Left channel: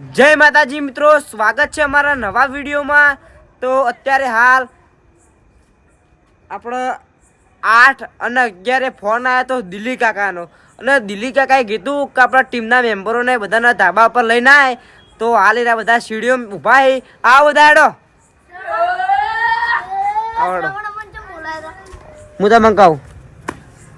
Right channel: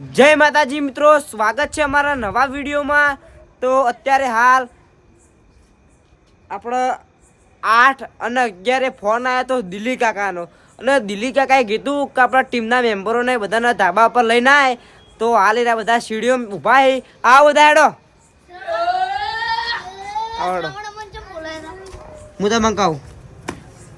જય માતાજી મિત્રો, સ્વાગત છે અમારા નવા વિડીયોમાં. તો અત્યારે હાલ આપણો આઠ અને અગિયારે ફોન આવ્યો તો દિલ્હી કાકાનો. અને દિલ્હી કાકાએ કીધું કે આપણા ટીમના મેમ્બરોને બધાના ધાબા પર લઈને આવે તો હાલ એના બધા સીડીઓ ઊભા છે આ બધા હેડો. આવડો હું તમને કહું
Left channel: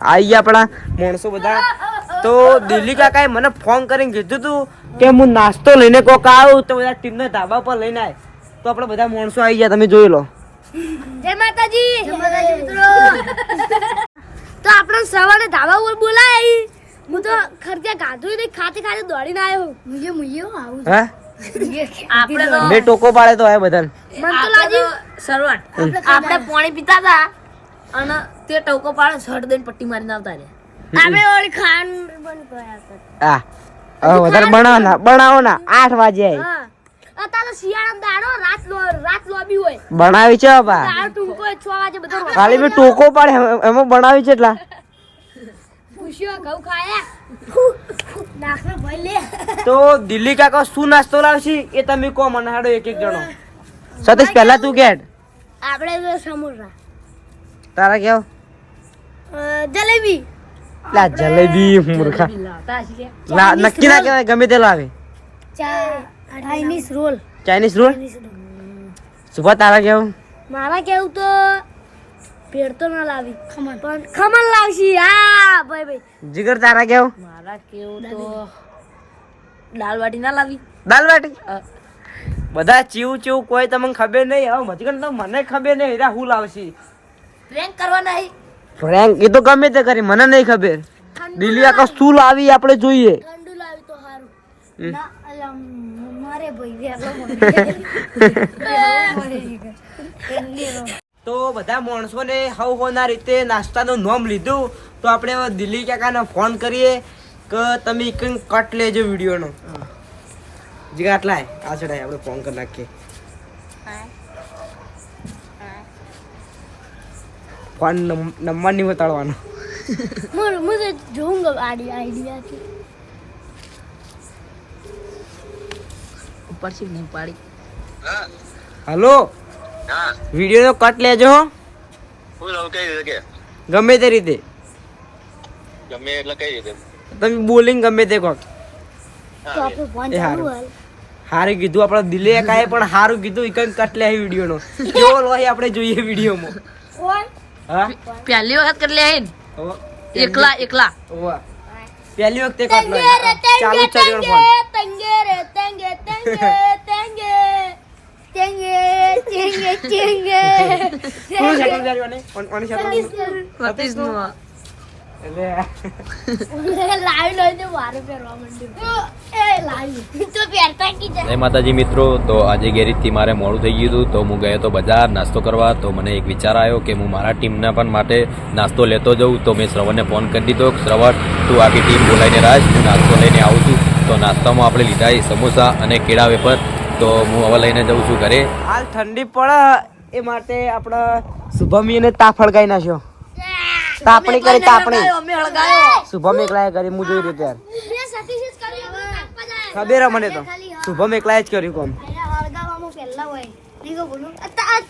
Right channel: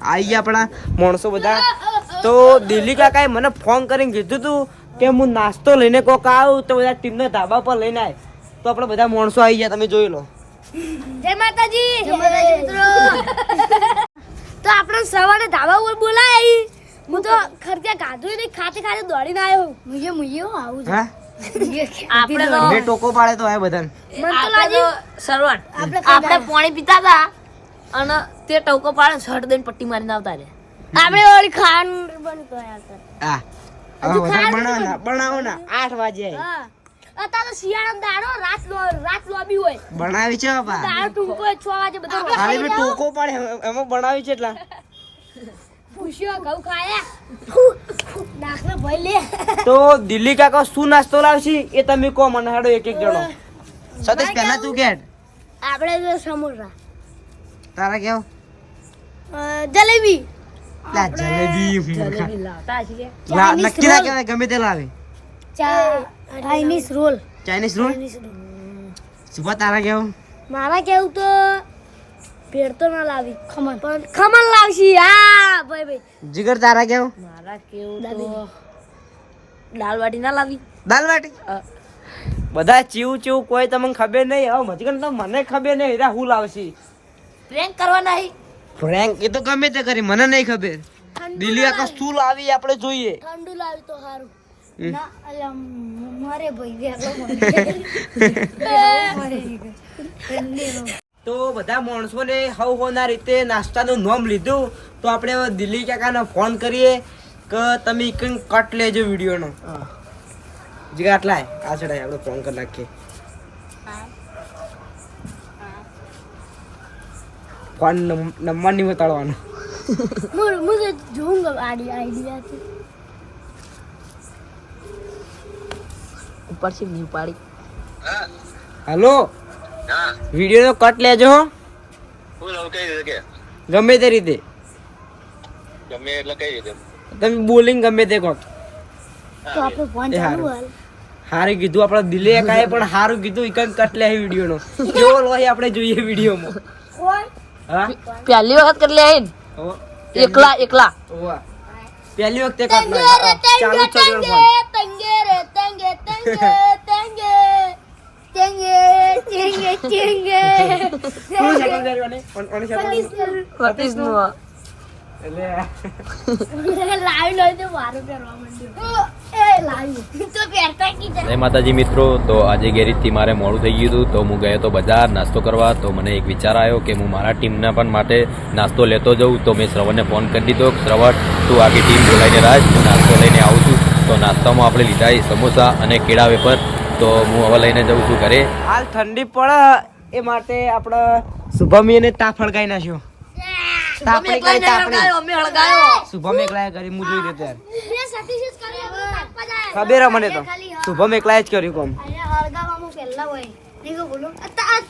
આવી ગયા આપણા માણસો બધા. તો દિલ્હી કાકાએ મને ફોન કરીને કીધું હતું કે હું નાસ્તો લઈને કોક આવું તો બધા ટીમના ધાબા પર લઈને આવે તો આપણે બધા માણસો આવી ગયા તમે જોઈ લો. જય માતાજી. જય માતાજી મિત્રો. તો આપણે સવારે ધાબા ઉપર બોલાય હું તો ખરકે ગાધું નહીં ખાતે ખાતે દોડીને આવ્યો મુજે મુજે આવું હા? આપણે તો બે ટોકો પાડે તો આય બધા મને તો લાગ્યું સરવણ આપણે પાણી પીતા હતા અને તે ટોકો પાડે શર્ટ દઈને પટ્ટી મારીને આવતા રે આપણે ઓલી ખાન બંધ કર્યા હતા. હા. વધારે બનાવો ના બનાવો ના. આઠ વાગે. હા. અત્યારે તો શિયાળામાં દાડો રાત રાત લોબી હોય. બનાવી છે બા. ટૂંકો હોય, છ વાગે બધો ખાલી બી ટોકો પાડે એમાં બનાવી છે એટલા. પૂછ્યો ઘઉં ખાયા. ભાઈ લે. તો દિલ્હી કાકા શું નાસ્તો લાવશે એ તમે કહો મને હાડો એક એક જણો સતીશ પહેલા તું કેટ આપણે સમોસા. તારા કેવ જલેબી. લા જલેબી મૂર્ખા. લા નક્કી ના કહેવાય ગમે તે લાવે. Chinese roll. Chinese roll? સુભા તારા કેવું? મારા કેવું તો ભેળ તો ના લાવી. ખમણ. પણ ખમણ લાવશી. હા ભાઈ ભાઈ. જીગર તારા કેવું? મારા કેવું તો દાલ બાટી ના લાવી. દાલ બાટી બધા ચીવું ચીવું કોઈ તમને ખબર નહીં. હવે મજગન તો મને ખબર નહીં. હેરા હું લાવશી? પ્રેન્ક કરવા નહીં. ફ્રેન્ક એ તો ગમે તે કરી મને નહીં ખબર. દિલ્હી આકા શું લાવી આપણે જોઈએ. ઠંડુ લાવી તો સારું હમ. ના અલા મારે ભાઈ તો બધા માણસોને હવ હોના રીતે નાસ્તાનું નોમ લીધું. તો આપણે હવે દિલ્હી કાકાને ફોન કરીએ કે તમે કંઈક કટ લેજો વિડીયોનો. જીગા આટલા. આ આપણે ફોન કરી નાખીએ. ફોન નંબર નહીં બતાડવાનો मुझे मुझे जोऊंगा आइडिया आइडिया की ઉપરથી નહીં પાડી હલો વિડીયોનો કટ લેજો હો. ફૂલ હવે કઈ રીતે કે ગમે તે રીતે ગમે એટલે કઈ રીતે તમે બોલિંગ ગમે તે કોક तो आपने फोन એ હારું હારું કીધું આપણે દિલે કાંઈ પણ હારું કીધું ઈ કંઈક કટ લે વિડીયોનો કેવો લોહી આપણે જોઈએ વિડીયોમાં कौन હા Pialiwak kerlain. Ikla ikla. Pialiwak tekat. માતાજી મિત્રો તો આજે ગેરેજથી મારે મોડું થઈ ગયું હતું. તો હું ગયો તો બજાર નાસ્તો કરવા. તો મને એક વિચાર આવ્યો કે હું મારા ટીમના પણ માટે નાસ્તો લેતો જઉં. તો મેં શ્રવણને ફોન કરી દીધો શ્રવણ તું આખી ટીમ બોલાવીને રાજ હું નાસ્તો લઈને આવું છું. તો નાસ્તામાં આપણે લીધા સમોસા અને કેળા વેફર. તો હું હવે લઈને જઉં છું ઘરે. હાલ ઠંડી પડે એ માટે આપણે શુભમીને તાપ હળગાઈ નાખ્યો. તાપણી કરી તાપણી અમે હળગાયો. શુભમ એકલાએ કરી? હું જોઈ રહ્યો ત્યારે. મે સતીશ જ કરી આપણે તાપવા જાય ખબર મને તો. શુભમ એકલાએ જ કર્યું કોમ? હળગાવામાં પહેલા હોય.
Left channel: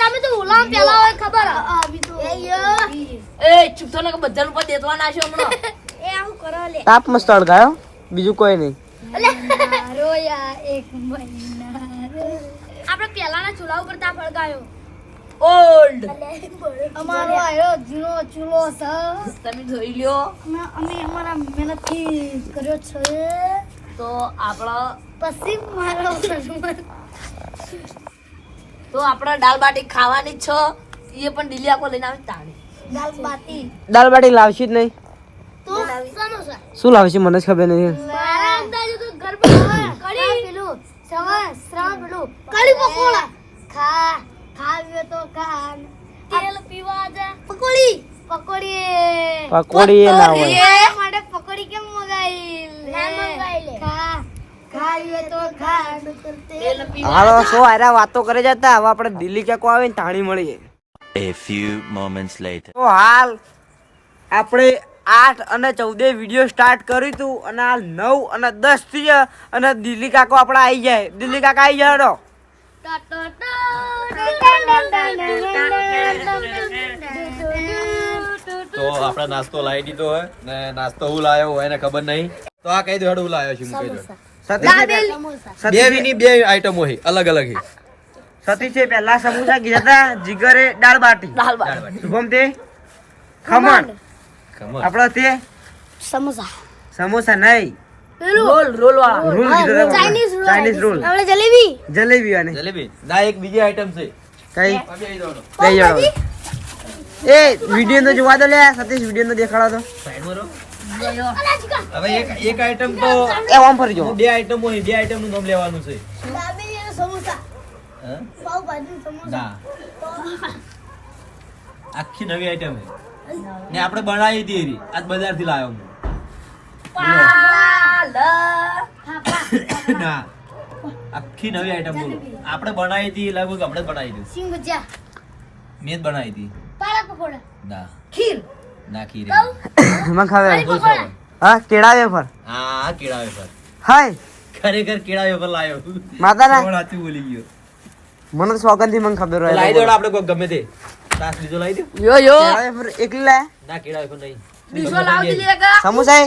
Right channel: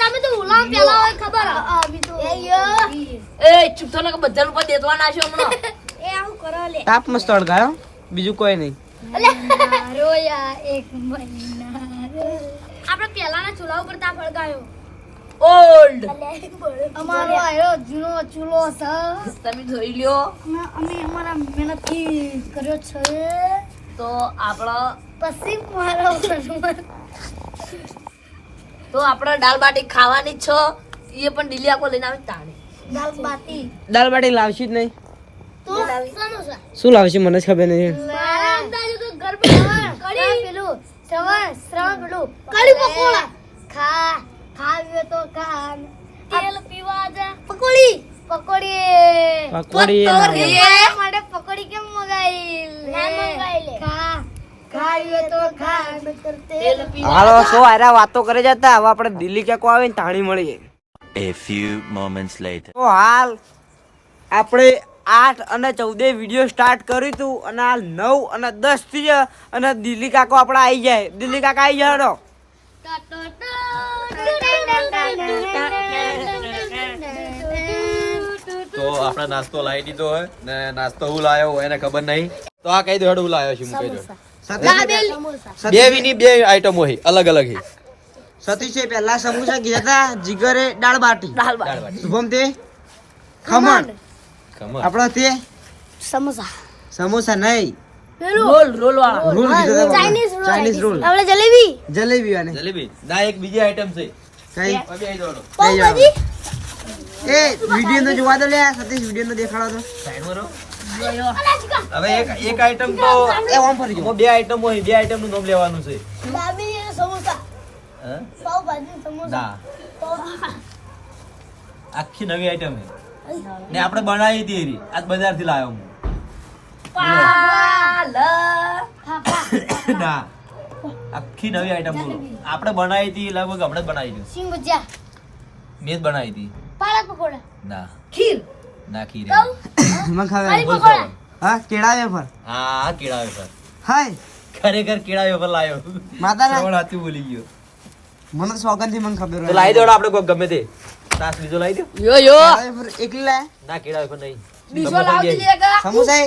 તમે તો ઓલા પહેલા હોય ખબર? એ. ચૂપ થો ને કે બધા ઉપર દેતવાના નાખ્યો હમણાં. એ આવું કરો લે. તાપ મસ્ત હળગાયો. બીજું કોઈ નહીં. રોયા એક મહિના આપણે પહેલાના ચૂલા ઉપર તાપ હળગાયો. ઓલ્ડ. અમારો આયો જૂનો ચૂલો છે. તમે જોઈ લ્યો. અમે અમે અમારા મહેનતથી કર્યો છે. તો આપણો પછી મારો તો આપણે દાલ બાટી ખાવાની જ છો એ પણ ડીલી આખો લઈને આવી તાણી. દાલ બાટી. દાલ બાટી લાવશી જ નહીં. તો શું લાવશે મને જ ખબર નહીં. મારા અંદાજે તો ગરબા કડી પેલું સવા શ્રાવણ પેલું. કડી પકોડા. ખા. ખાવ્યો તો ખા તેલ પીવા જા. પકોડી. પકોડી. પકોડી એ ના હોય. મારા માટે પકોડી કેમ મગાઈ ના મગાઈ લે. ખા ખાવ્યો તો ખા નકર તેલ હાલો સો આરા વાતો કરે જતા હવે આપણે દિલ્હી ક્યાંક આવે ને તાણી મળીએ. A few moments later. તો હાલ આપણે આઠ અને ચૌદે વીડિયો સ્ટાર્ટ કર્યું હતું અને હાલ નવ અને દસથી અને દિલ્હી કાકો આપણા આવી જાય. દિલ્હી કાકા આવી જાય. તો આપણે નાસ્તો લાવી દીધો હોય ને નાસ્તો હું લાવ્યો હોય એને ખબર નહીં. તો આ કહી દો હેડ હું લાવ્યો છું હું કહી બે વીની બે આઈટમો હોય અલગ અલગ હી. સતીશે પહેલા સમોસા કીધા હતા જીગરે દાળ બાટી. દાળ બાટી. શુભમ તે? ખમણ. ખમણ. આપણો તે? સમોસા. સમોસા નહીં. Roll. Roll roll. Chinese roll આપણે જલેબી. જલેબી અને. જલેબી. ના એક બીજી આઈટમ છે. કઈ? લઈ જાઓ એ વિડિયો તો જોવા દો લે સતીશ વિડિયો તો દેખાડો તો. સાઈડમાં રહો. હવે એક એક આઈટમ તો એ ઓમ ફરી જો. બે આઈટમ હોય બે આઈટમનું નામ લેવાનું છે. દાબેલી અને સમોસા. હા? પાવ ભાજી સમોસા આખી નવી આઈટમ છે. ને આપણે બનાવી હતી આજ બજારથી લાવ્યો હું. ના. આખી નવી આઈટમ બોલો. આપણે બનાવી હતી લગભગ હમણાં જ બનાવી હતી. સિંગ ભજીયા. મેં જ બનાવી હતી. પાલક પકોડા. ના. ખીર. ના ખીર મને ખાવે. હા કેળા વેફર. હા કેળા વેફર. હાય. ખરેખર કેળા વેફર લાવ્યો માતાના. કોણ હાચું બોલી ગયો. મને તો સોગંદથી મને ખબર હોય. લાવી દો આપણે કોઈ ગમે તે. તાસ બીજો લાવી દો. યો યો. એકલી ના કેળા વેફર નહીં. બીજો લાવ સમોસા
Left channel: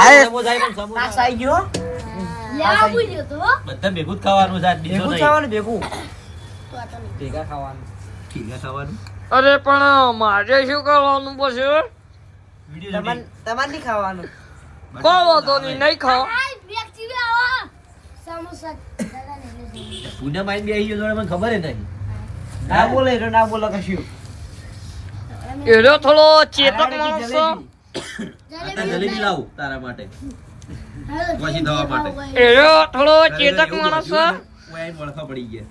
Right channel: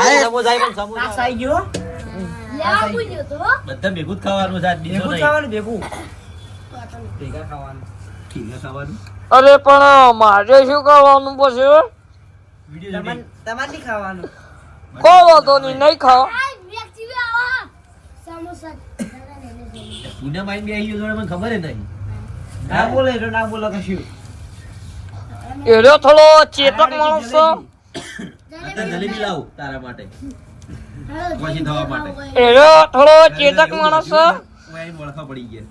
અરે સમોસા પણ સમોસા ગયો. લેવા પૂછ્યો તો બધા ભેગું જ ખાવાનું છે આજ બીજો ભેગું ખાવાનું ભેગું. ભેગા ખાવાનું. ઠીકા ખાવાનું? અરે પણ મારે શું કરવાનું પછી વીડિયો તમારે નહીં ખાવાનું. કોઈ વાંધો નહીં નહીં ખાઓ. સમોસા દાદા ને લે પુણ્ય માઇન બી આવી ગયો મને ખબર નહીં. ના બોલે એટલે ના બોલો કશું. એરો થોડો ચેતક માણસ જલેબી લાવું તારા માટે. પછી દવા માટે. એરો થોડો ચેતક માણસ છે. હું. આઈને પડી ગયા.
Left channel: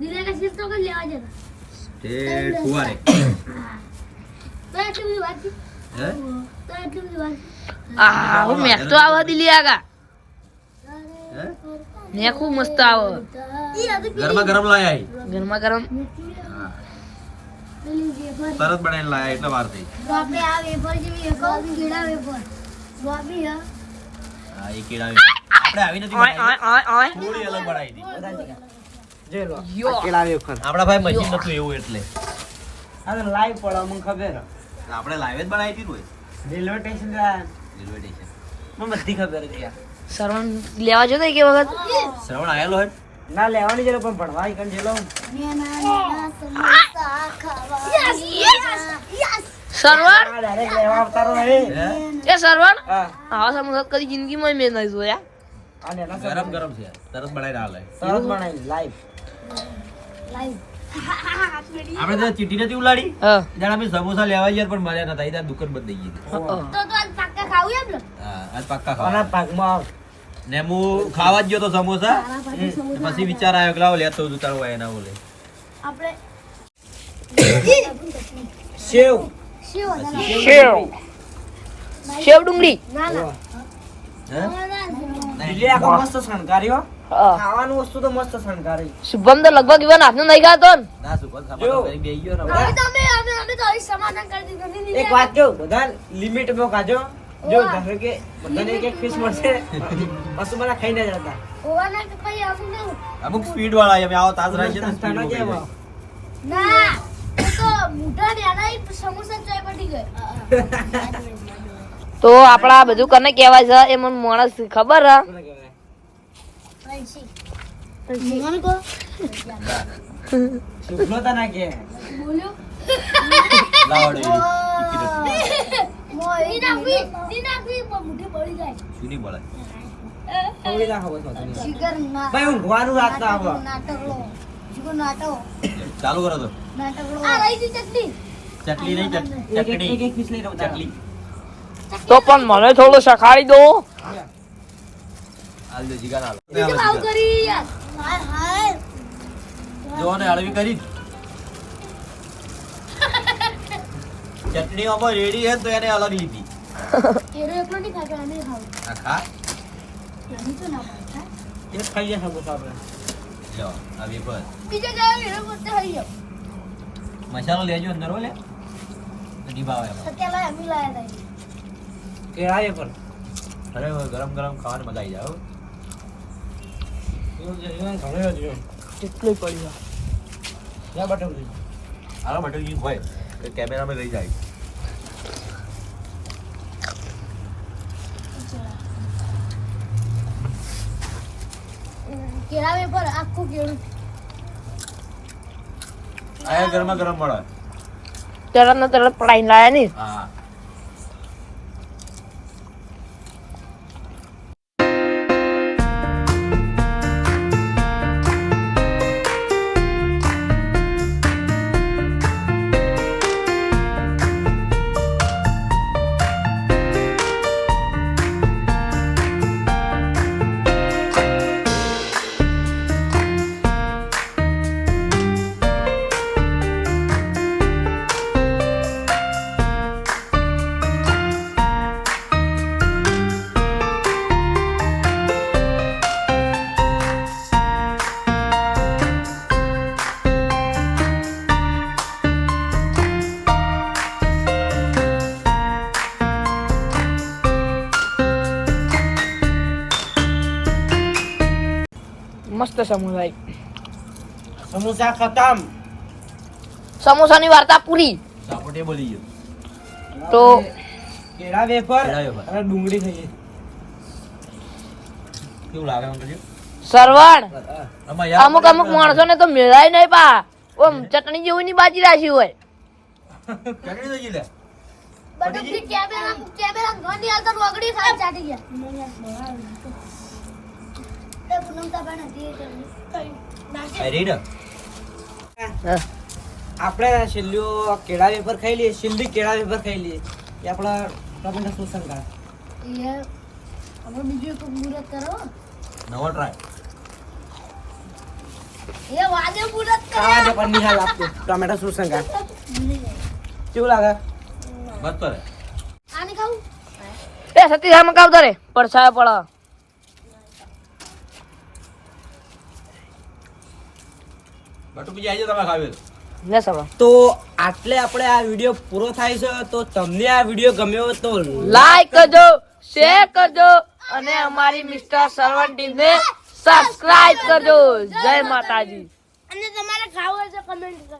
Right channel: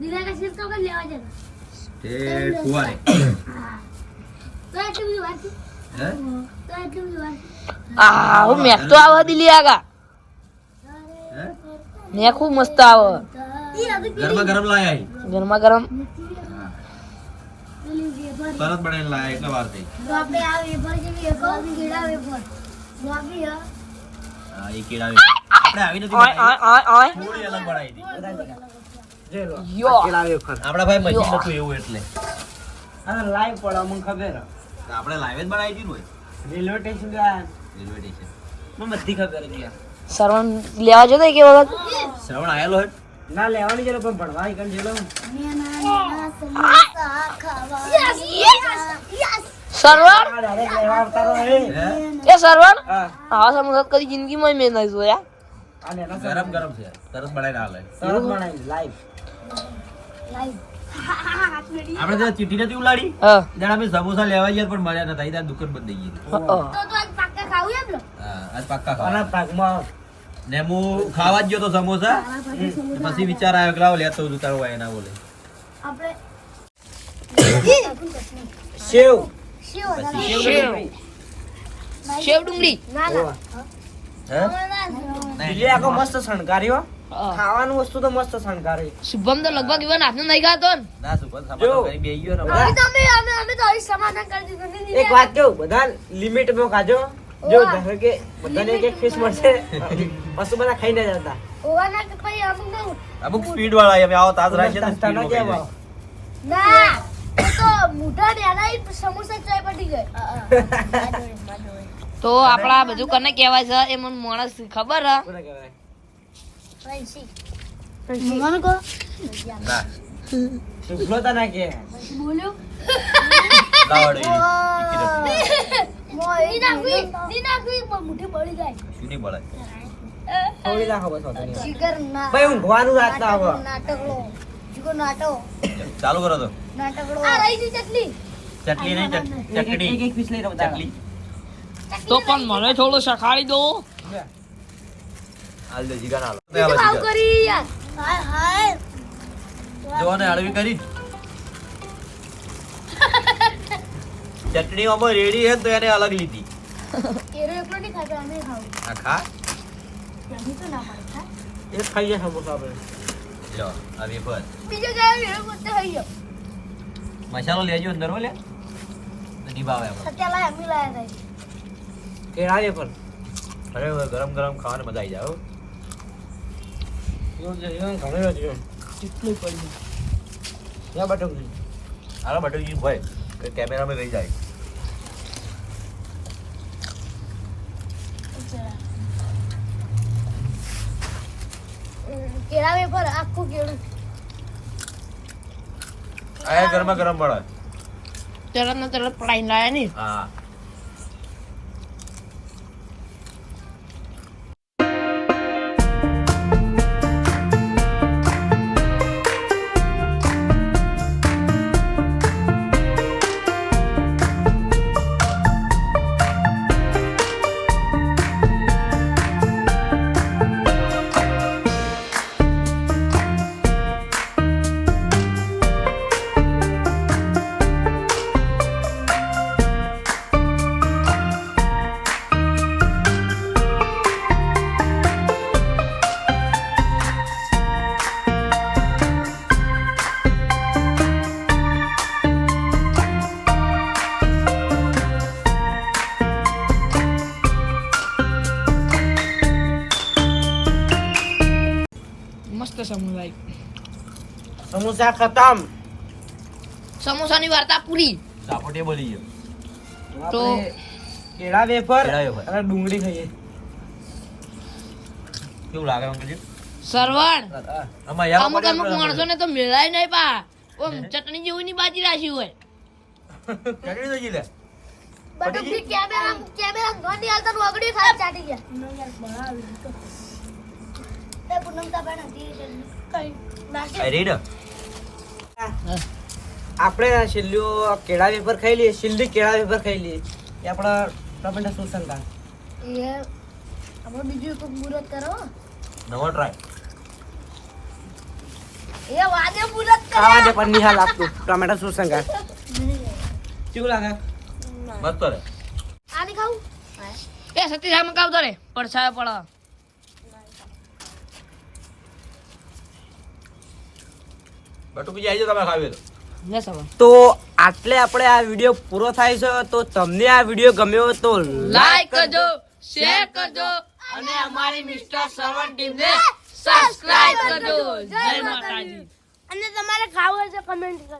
દીદા કે સિર તો કઈ લેવા જતા? તે ફુવારે. તો એટલી બધી વાત હે? તો એટલી બધી વાત આ હું મેક તો આવા દિલી આગા હે? ખૂબ મસ્ત આવે. ગરમા ગરમ લાયા. ગરમા ગરમ. તરત બનાવીને લાયા એટલે વાર થઈ તો આપણે આ વેફર જેવી એક કેળા વેફર ગોબી હ. હા એ કેળા વેફર. આપણે આવી નથી ઓય બનાવી. ઓય ઓય ઓય થોડી અલગ બનાવી દી. આ કેળા વેફર આપણા ભાઈ મશીન નતું એવું એટલે. આ લાઈવ પડે મને ખબર. આપણે લાઈવ જ બનાવી દીધું ને રેલવે સ્ટેશન ગયા રેલવે સ્ટેશન મને બધી ખબર હતી શ્રવણ લેવા જતો કે વખત? શ્રવણ આયેલો હે ના લેવાની જરૂર પણ ભણવા ઈકન જેલો નેના નેના સરવણ? એ સરવણ? આવા સમોસા કદી જિંદગીમાં મેં નહીં જોયા. ગરમ ગરમ છે. તરસ બનાવીને હાલે. તરસ બનાવી લાઈવ લાઈવ આપણે ત્યાં ચીઠી નથી ઉલાડી? જાણે આપણે સમોસા લેવા ગયા પણ મળ્યા નતા. ત્યાં દુકાન બંધ થઈ ગઈ તો તો આજ પાક્કા ખાવું એમ ને? હા આજ પાક્કા ખાવા. ભાગમાં ને હું ખાવા જ ગયો તો સમોસા? પછી વિચાર આવ્યો કે લાવો લેતો જ ઉતારવા એના બોલે આપણે સેવ સેવ સેવ ડુંગળી. ના ના. હે? દિલ્હી આખો મસ્ત શણગાર્યો હા. ખાવાનું વસ્તુ તો મસ્ત શણગારી શુભમ તો લગભગ ઇવન હાથનું નહીં ખાતો ને. ના સુપર જો. સામાન કઈ બેહી ગયો ને એક વાત કહું બધા લિમિટમાં ખાજો. જો ધારો કે બધાને એક એક ફિશ મળશે. વસ્તુ બધા ખાઈ ના જતા. ઓવાના તો પછી અમુક સ્પીડ વાળા આવો તાજ રાખીએ ના. તો આપડા બધું કને કહેવાય છે? એ મને માણસ ખબર હે. ભાઈ હું શુભ્લો તને ના. બોલ્યું? લાવડે ઈ ની નાટો. ચાલુ કરો તો. નાટકડો આ રહી ગઈ ચટણી. ચટણી નહીં એક એક- ચટણી એક લઈ રહ્યો ચટણી. તો પણ મને થોડું શખાડી દો. હાલ દે જીગા ના હાલો. કરી યાર. હાય હાય. હળવી કરી. ચટણી ઓમાં રેડી હે તો એને અલગ લીધી. એરો એકલો નહીં ખાતો અમે ખાવ. આ ખા. નહીં તો ના ખાતા એ ખાઈએ સમોસા આપણે. લો આ વેફર બીજો ગાયો એરો પોતે જાવ મસાલો લેજો અંદર હો લે. નહીં ભાવે એમાં. સત્યા લાય અમી લાયા હતા કેળા વેફર અરે ગરમ ગરમ ખાવાનું મજા આવી જાય હો. કેટલું પડી જાય બટક. આના બટકી હોય કે કેમેરામાં રહી જાય. કેળા વેફર આખું કેળું. આયા ગરમા ગરમ પડે તરત ને તરત પડાઈને લાયા નહીં? હા. મસ્ત સમોસા સમોસા ખતમ. સમોસાની વાર્તા પૂરી. સાપોટે બોલી ગયો. તો કેળા વેફર અને ડુંગળી ખાઈએ. કેવું લાગે અંકલ સરવણ. અમુક અમુક માણસો ને તો મેળાય નહીં પા. ઓમ ચટણી જેવું ની બાજી રાખી હોય. ચટણી તો જીલે બટુકથી કેમેરા કેમેરા ઘટી હાલતા તો વગડી ખાઈ ચાટી ગયા એ પૂનમ તાપા નથી કઈ નાખી આ રેડ આપણે છેલ્લું કેળા વેફર ખાઈ લઈએ છેલ્લી કેળા વેફર ખાઈ લઈએ. એ આપણા ટમેટા શું શંકા એ આપણે બીજું એક મુહૂર્ત કરો. નવો ટ્રાય એ વાદે મુહૂર્ત કરો. આ દે પણ નિહાલ આપતો ટમેટા શું શંકા કેવું લાગે? બસ પર આને ખાવું? એ સતી સામે કાવતો રે પડછાયો પડ. આવી ખાવી તો ને સવા તો આટલે આપણે આ વીડિયો પૂરો થાય છે. તો તમને આ વીડિયો ગમ્યો તો લાઈક કરજો શેર કરજો અને અમારી મિસ્ટર સર્વન ટીમને સબસ્ક્રાઇબ કરજો. જય માતાજી. અને તમારે ખાવું હોય તો કમેન્ટ કરજો.